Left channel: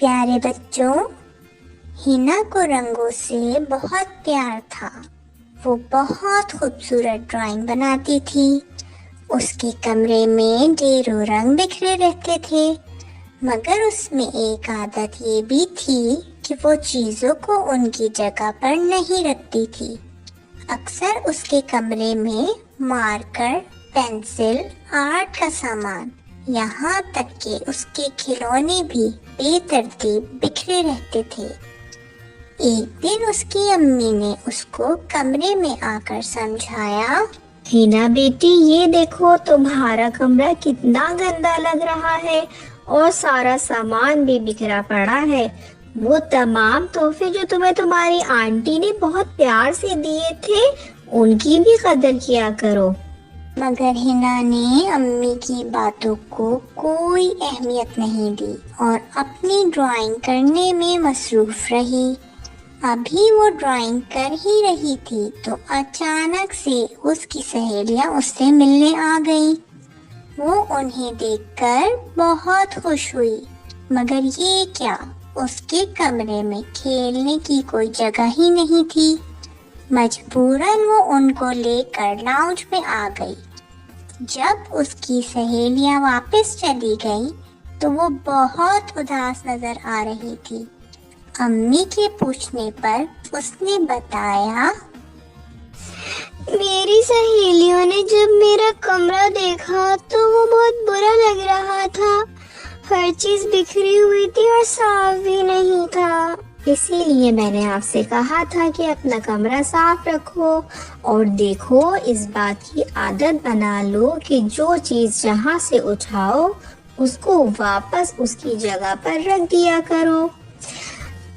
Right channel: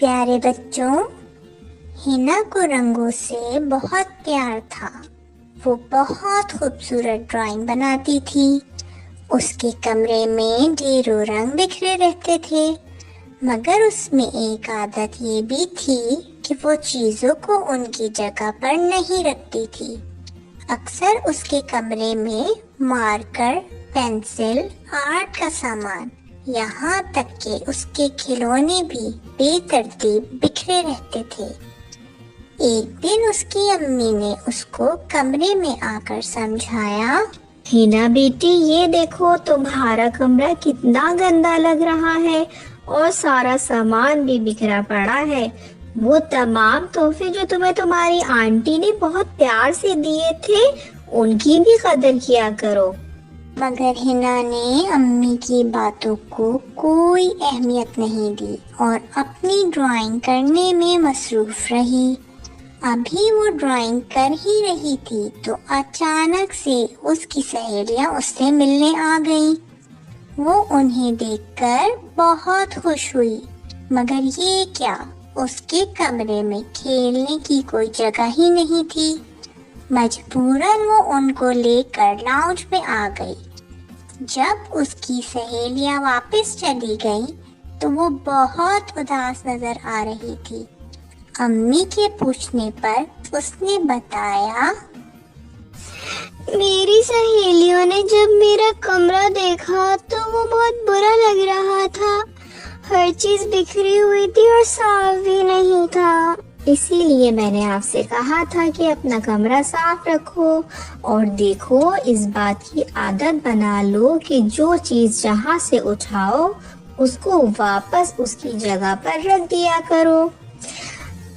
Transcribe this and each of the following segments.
प्यारे बच्चों, हिना को रंगों से बहुत प्यार था। वो बहुत खूबसूरत ड्राइंग बनाती थी। उसके कमरे में ढेरों रंग बिखरे रहते थे, मगर उसमें एक आदत ये भी थी कि वो चीजों को उनकी जगह पर नहीं रखती थी। अक्सर उसके कमरे में मार्कर, पेंसिल, आर्ट का सामान, यहाँ तक कि उसके खिलौने भी बेतरतीब बिखरे रहते थे। एक दिन उसकी अम्मी ने उसको कमरे में आकर समझाया, हिना बेटी, ये देखो तुम्हारा कमरा कितना गंदा लग रहा है और सारा सामान भी बिखरा पड़ा है। वो तमाम तोहफे जो तुम्हें तुम्हारी आंटी ने बहुत प्यार से दिए थे, उनकी भी कदर किया करो। मगर हिना ने अम्मी की बातों को कोई अहमियत नहीं दी और अपनी ड्राइंग करने में मसरूफ रही। अभी वो ड्राइंग कर ही रही थी तो अचानक से उसकी सहेलियां उससे मिलने आ गईं। वो उन्हें देखकर बहुत खुश हुई, मगर ये क्या, उसके कमरे में खेलने की कोई जगह ही नहीं थी। मजबूरन वो उनको लेकर लाउंज में आ गई। जब उसकी सहेलियां वापस चली गईं, तो वो बहुत उदास नजर आ रही थी। अम्मी के पूछने पर उसने बताया, मेरी सहेलियों ने जब मेरा कमरा देखा तो वो बहुत बुरा लग रहा था। हर चीज बिखरी हुई थी और साफ भी नहीं था। इसीलिए मैंने आपसे कहा था कि अपना कमरा साफ रखो और देखो, इस बात की आदत बना लो कि जो चीज जहाँ से उठाओ उसको वापस उसकी जगह पर रख दिया करो।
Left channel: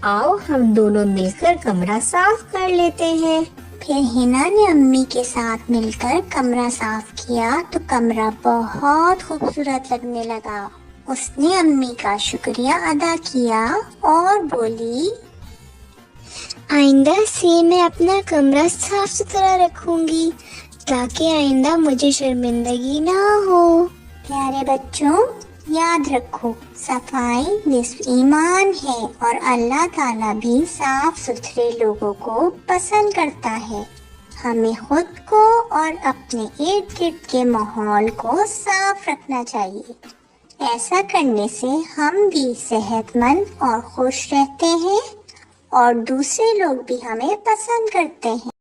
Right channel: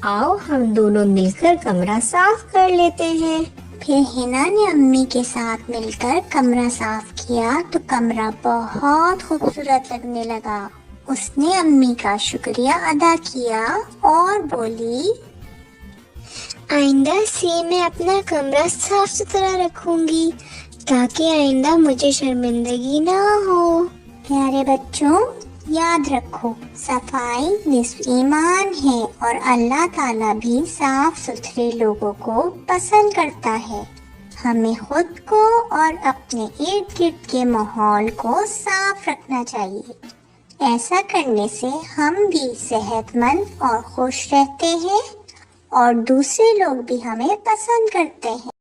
आओ हम दोनों मिलकर कमरा साफ कर लेते हैं। फिर हिना ने अम्मी के साथ मिलकर कमरा साफ किया तो कमरा बहुत खूबसूरत लगने लगा। उसने अम्मी का शुक्रिया अदा किया और बोली, आइंदा से मैं अपना कमरा साफ सुथरा रखूंगी ताकि आइंदा मुझे शर्मिंदगी ना हो। प्यारे बच्चों, याद रखो, सफाई निस्फ ईमान है और अल्लाह ताला भी साफ सुथरे लोगों को पसंद करता है। हमें खुद को और अपने इर्द गिर्द के माहौल को साफ रखना चाहिए। ऐसा करने से हम भी सेहतमंद और खुश रहते हैं और दूसरे लोग भी हमें पसंद करते हैं।